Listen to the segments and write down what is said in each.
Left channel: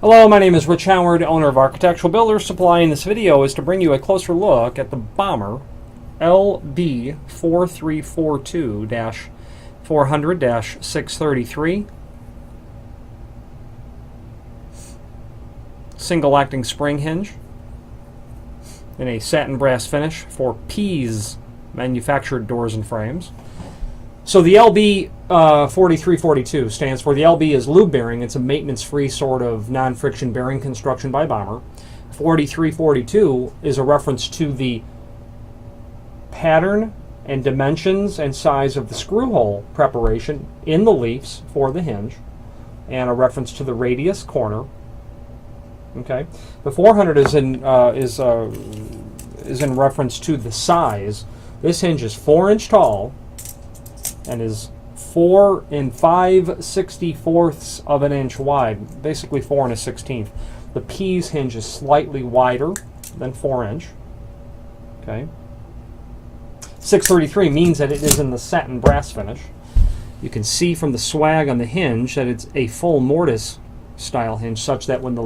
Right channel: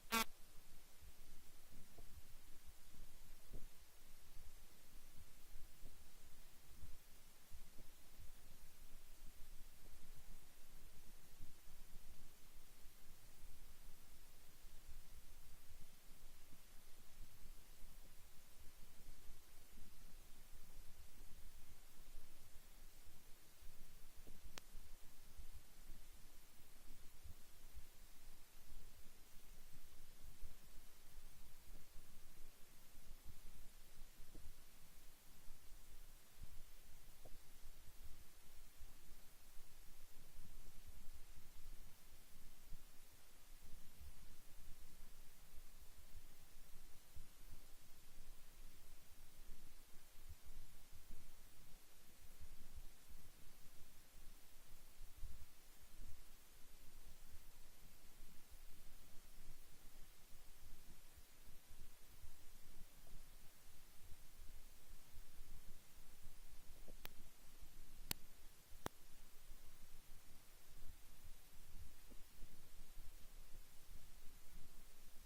Hello, my name is Rich Howard, owner of Architectural Builders Supply, and this video is to bring you a closer look at the Bommer LB4342-400-633 single acting spring hinge in a satin brass finish for Pease manufactured doors and frames. So the LB 4342 stands for, the LB is lube bearing. It's a maintenance-free sort of non-friction bearing construction by Bommer. 4342 is a reference to the pattern and dimensions and size of the screw hole preparation in the leaves for the hinge, and a reference to the radius corner. Okay, the 400 is in reference to the size. This hinge is 4-inch tall and is 4 5/64 of an inch wide, basically 4 1/16. The Pease hinge is slightly wider than 4-inch. Okay. 633 means that it is in the satin brass finish. You can see from the swag on the hinge that it's a full mortise style hinge, such that when the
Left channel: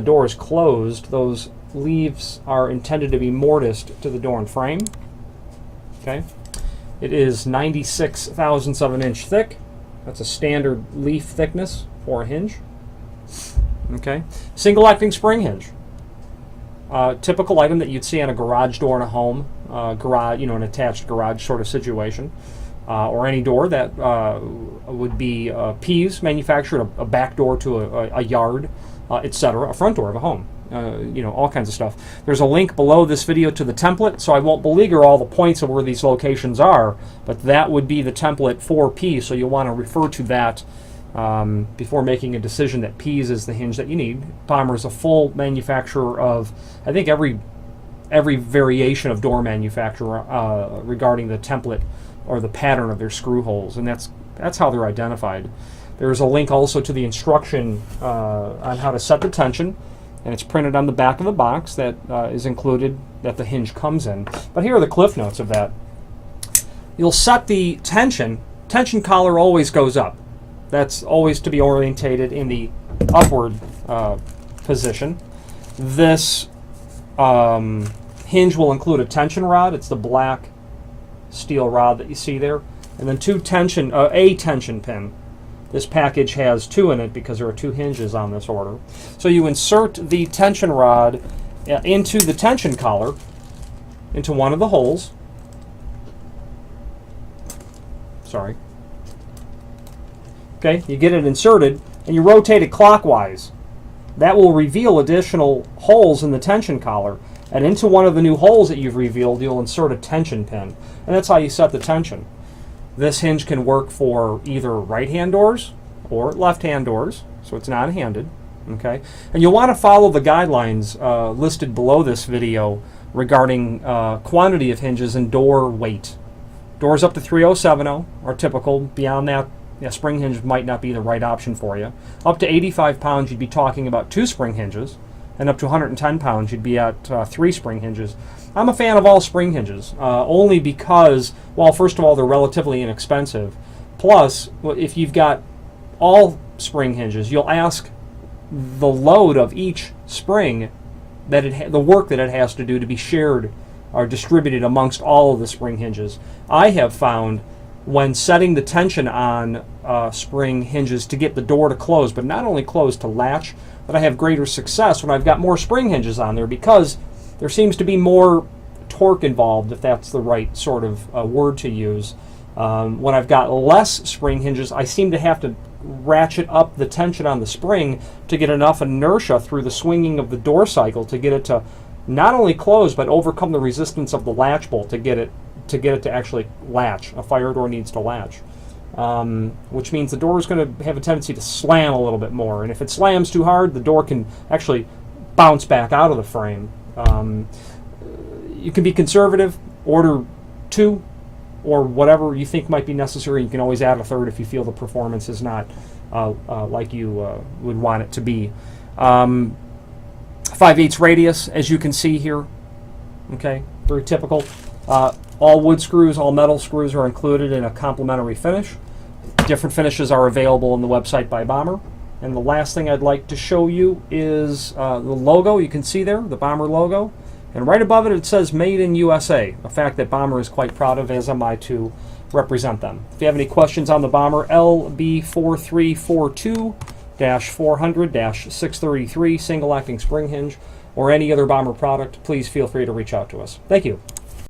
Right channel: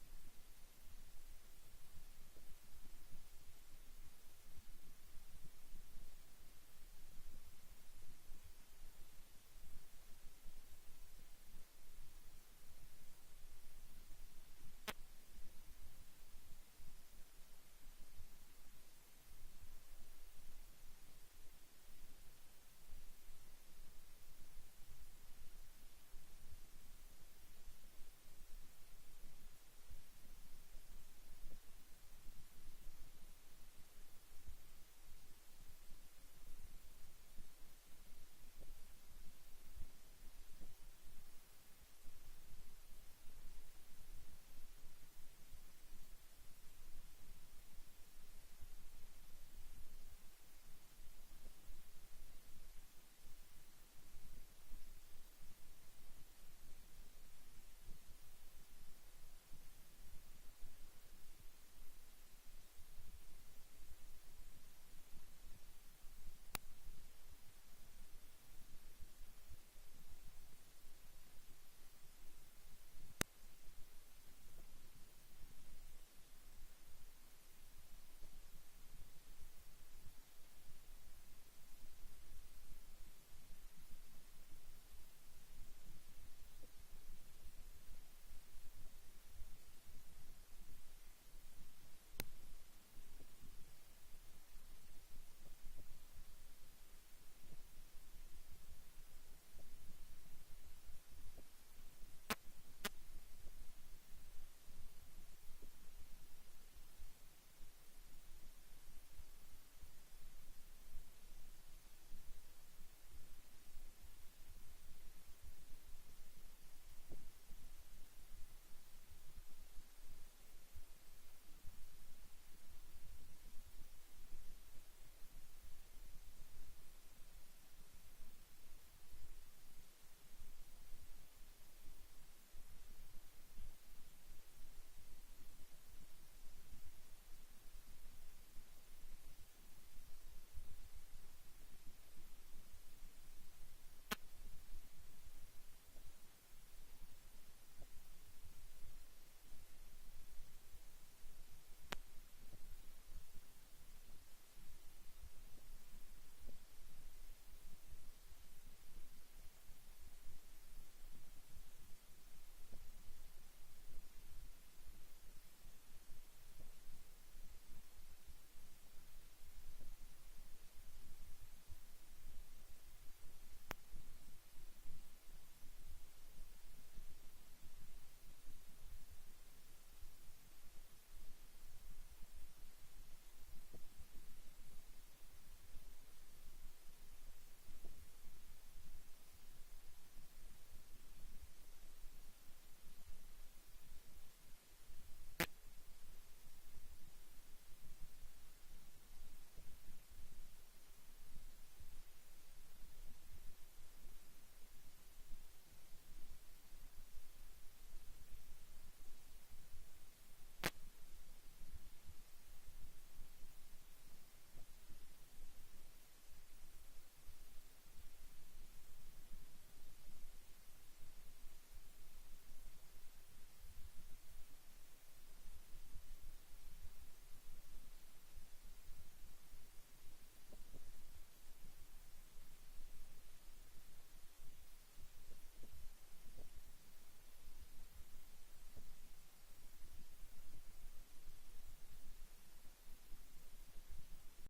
door is closed, those leaves are intended to be mortised to the door and frame. Okay. It is 96 thousandths of an inch thick. That's a standard leaf thickness for a hinge. Okay. Single acting spring hinge. Typical item that you'd see on a garage door in a home, an attached garage sort of situation, or any door that would be Pease manufactured, a back door to a yard, etc., a front door of a home. All kinds of stuff. There's a link below this video to the template, so I won't beleaguer all the points of where these locations are, but that would be the template for Pease, so you'll want to refer to that before making a decision that Pease is the hinge that you need. Bommer is a full manufacturer of, I think, every variation of door manufacturer regarding the template or the pattern of their screw holes, and that's how they're identified. There's a link also to the instruction on how to set the tension, and it's printed on the back of the box that is included, that the hinge comes in. But here are the cliff notes of that. You'll set the tension collar always goes up. That's always to be orientated in the upward position. This hinge will include a tension rod. It's the black steel rod that you see there, and then a tension pin. This package has 2 in it because there are 2 hinges on this order. So you insert the tension rod into the tension collar, into one of the holes. Sorry. Okay, you get it inserted and you rotate it clockwise. That will reveal additional holes in the tension collar, and into one of the new holes that you've revealed, you'll insert a tension pin, and that's how you set the tension. This hinge can work for either right-hand doors or left-hand doors, so it's non-handed. Okay, and you'll want to follow the guidelines listed below this video regarding quantity of hinges and door weight. Doors up to 3070 are typical. Beyond that, spring hinge might not be the right option for you. Up to 85 pounds, you'd be talking about 2 spring hinges, and up to 110 pounds, you'd be at 3 spring hinges. I'm a fan of all spring hinges, only because, well, first of all, they're relatively inexpensive. Plus, if you've got all spring hinges, you'll ask the load of each spring, the work that it has to do, to be shared or distributed amongst all of the spring hinges. I have found when setting the tension on spring hinges to get the door to close, but not only close, to latch, that I have greater success when I've got more spring hinges on there, because there seems to be more torque involved, if that's the right sort of word to use. When I've got less spring hinges, I seem to have to ratchet up the tension on the spring to get enough inertia through the swinging of the door cycle to get it to not only close, but overcome the resistance of the latch bolt to get it to actually latch. A fire door needs to latch, which means the door is going to have a tendency to slam a little bit more, and if it slams too hard, the door can actually bounce back out of the frame. You can be conservative, order 2 or whatever you think might be necessary. You can always add a 3rd if you feel the performance is not like you would want it to be. 5/8 radius, as you can see here. Okay, very typical. All wood screws, all metal screws are included in a complementary finish. Different finishes are available on the website by Bommer, And the last thing I'd like to show you is the logo. You can see there, the Bommer logo. And right above it, it says Made in USA, a fact that Bommer is quite proud of, as am I, to represent them. If you have any questions on the Bommer LB4342-400-633 single acting spring hinge or any other Bommer product, please feel free to reach out to us. Thank you.